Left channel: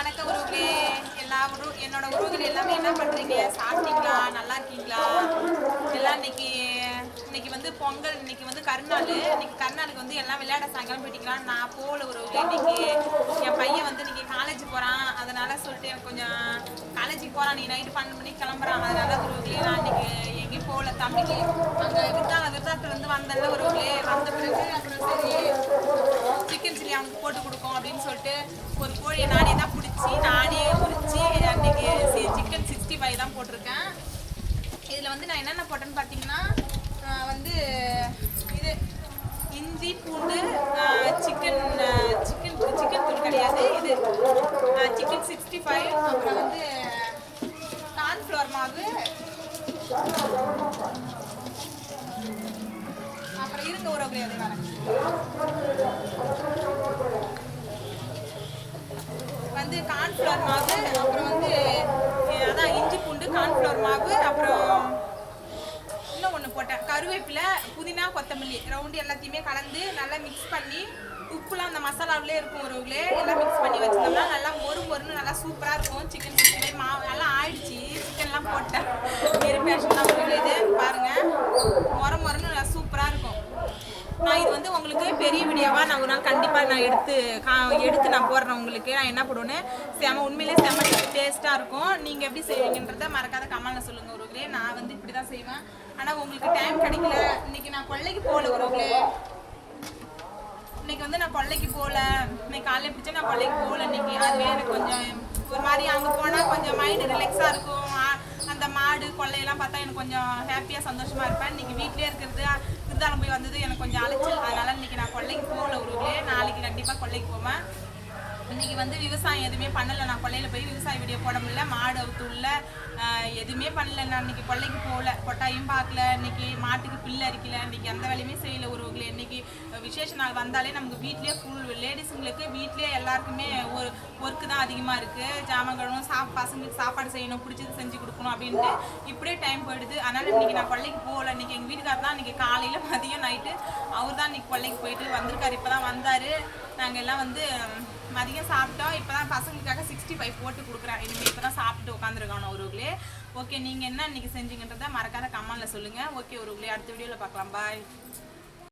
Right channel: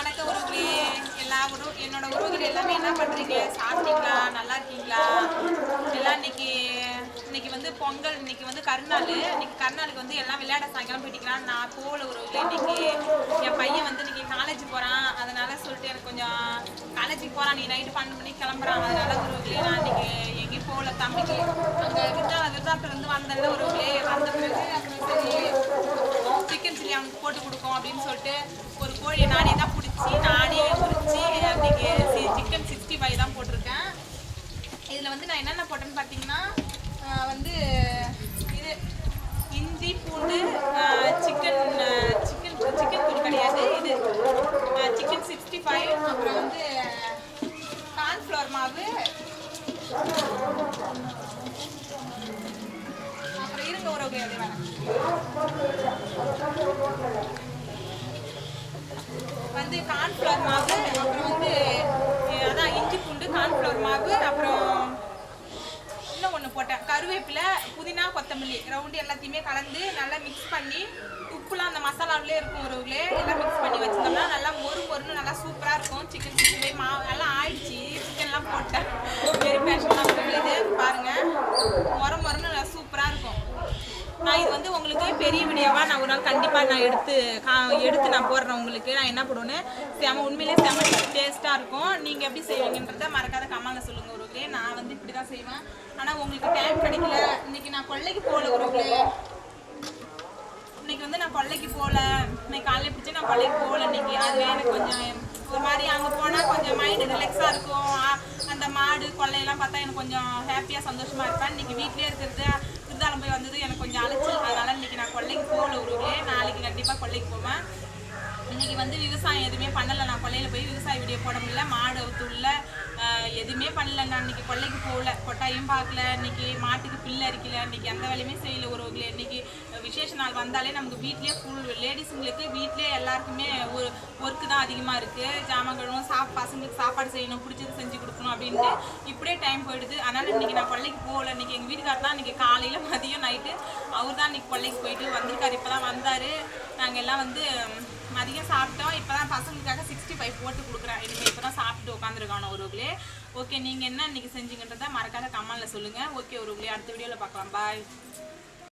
வணக்கம் உறவுகளே. என்னோட உறவுகள் எல்லாமே என்ன பண்ணுறீங்க? சாப்பிட்டீங்களா? நல்லா இருக்கீங்களா? எல்லாம் இன்னைக்கு வந்து பொங்கல், இன்னைக்கு வந்து கருநாள். இன்னைக்கு கருநாளுக்கு வந்து எல்லாம் விளையாட சாயங்காலம் போயிட்டீங்களான்னு நான் போகல உறவுகளே. இன்னைக்கு என் பையன் வந்து இன்னைக்கு காலேஜ் போகிறான். அதனால சொல்லிட்டு எனக்கு கொஞ்சம் காலேஜுக்கு போகிறான். நீ நைட்டு 12 மணிக்கு கிளம்புறான். அதனால உறவுகளே நான் இன்னைக்கு எங்கேயும் போகல. தம்பிக்கு அங்கே விருதாத்துலேருந்து வந்தேன்ல உறவுகளே. வந்த பிறகு அப்புறம் சரி சிக்கன் சில்லி அவனுக்கு போட்டு கொடுக்கும் அப்படின்னு சொல்லிட்டு ஒரு கோழியை நானே தான் பிடிச்சி நானே உரிச்சு அன்னைக்கு சிக்கன் 65 தான் போட்டிருக்கேன். இதில் வந்து நான் என்னென்ன போட்டேன்னு பார்த்தீங்கன்னா வந்து இது இஞ்சி பூண்டு சிக்கன் சிக்கன் சிக்கன் தூள் கிடையாது, இது சிக்கன் 65, அப்புறம் வந்து கார்ன்ஃப்ளவர் மாவு, அப்புறம் இருங்க உறவுகளே அதே வேலை வந்து கார்ன்ஃப்ளவர் மாவு, அப்புறம் வந்து அதான் இஞ்சி பூண்டு கார்ன்ஃப்ளவர் மாவு, அப்புறம் இன்னும் ஒன்று போட்டேன் கருவேப்பிலை புதினா கொத்தமல்லி ரவுண்டு எல்லாத்தையுமே கலந்து நல்லா மிக்ஸ் பண்ணி உப்புலாம் அந்த மசாலாவிலே இருக்கும் உறவுகளே. எல்லாம் மிக்ஸ் பண்ணி வச்சுருந்தோம்னா நல்லா மொறுன்னு நல்லா சூப்பராக இருக்கும். சிக்கன் 65 மாவு எல்லாம் ஆயிடுச்சு. சிக்கன்லாம் போட்டேன் வெறும் பேஷன் தான் உறவுகளே. இது பாருங்கள் மொறுன்னு நல்லா சூப்பராக இருக்கும். நான் இது வந்து உங்களுக்கு பெரிய வீடியோவாக நான் ஒரு நாள் கண்டிப்பாக நான் எடுத்து நான் போடுறேன் உங்களுக்கு. நான் என்ன போடுவேன்னு உண்மையிலே செம்ம டேஸ்ட்டாக இருக்கும். நீங்கள் எப்படி செய்வீங்கன்றதை மறக்காத கமெண்ட்ல சொல்லுங்கள் உறவுகளே. நான் வந்து இப்படி தான் செய்வேன். ஆனால் உங்களுக்கு டைம் கிடைக்கல. இன்னைக்கு நான் கொல்லைக்கு போகல உறவுகளே. இன்னைக்கு வந்து நான் கொல்லைக்கு போகல. இன்னைக்கு காலையில் பிடிச்சா நான் கொல்லைக்கு போகல இன்னைக்கு. அதுவே எனக்கு கொஞ்சம் ஒரு மாதிரி அங்கே போனால் கொஞ்சம் மைண்டு ரிலாக்ஸாக இருக்கும். அந்த மாடு கொள்ளையெல்லாம் பார்த்தா எனக்கு கொஞ்சம் ஹாப்பியாக சந்தோஷமாக இருப்பேன். இன்னைக்கு வீட்லேயே இருக்கிறது விருதாலம் போய் வந்தது எனக்கு கொஞ்சம் அலைச்சல். அதனால் இன்னைக்கு நான் கொல்லைக்கு போகல உறவுகளே. நாளைக்கு கண்டிப்பாக கொல்லைக்கு போவேன். இன்றைக்கி வந்து விவசாயம் எதுவுமே பண்ணலை. நான் கொல்லையில் போய் விவசாய வீடியோ போட முடியல. மாடு அவுத்துள்ள எதுவுமே பண்ணல. நான் இன்றைக்கி கொல்லைக்கு போகல, கொட்டாயும் பார்க்கல. இன்றைக்கி மாட்டுக்கு பில்லு அரிக்கல. இன்றைக்கி எந்த வேலையுமே செய்யலை உறவுகளே. இன்றைக்கி விசேஷ நாள் வந்தாலே நமக்கு வீட்லேயே ஃபுல் லேடிஸுங்களுக்கு வீட்லேயே எல்லாருக்குமே ஒரு ஒர்க்கு தான் அதிகமாக இருக்குது. ஜாமான் கழுவும், பசங்களுக்கு சாப்பாடு செய்யணும், பிடிச்சது செஞ்சு கொடுக்கணும் அப்படின்ட்டு இப்படியே டைம் போயிடுது. அதனால் இன்றைக்கி நான் கொல்லைக்கு போகல. இன்றைக்கி எங்கள் வீட்டுக்காரர் தான் இன்றைக்கி காலையில் மதியம் நைட்டு அவர் தான் இன்றைக்கி கொல்லைக்கு போயிட்டு வந்திருக்காரு. இப்போ தான் வந்தார். நாங்கள் எல்லாம் வந்து மதியம் சாப்பிட்டோம். இப்போ தான் பசங்களுக்காக 65 போட்டு கொடுக்குறேன். இனிமேல் இப்போ தான் சாப்பிட்டு உட்காந்துருக்கானோ உறவுகளே. ஓகே, நீங்கள் என்ன இன்றைக்கி செஞ்சீங்கன்றதை மறக்காத கமெண்ட்டில் சொல்லுங்கள். ஓகே உறவுகளே, அடுத்த வீடியோவில் பார்க்கலாம். பாய்.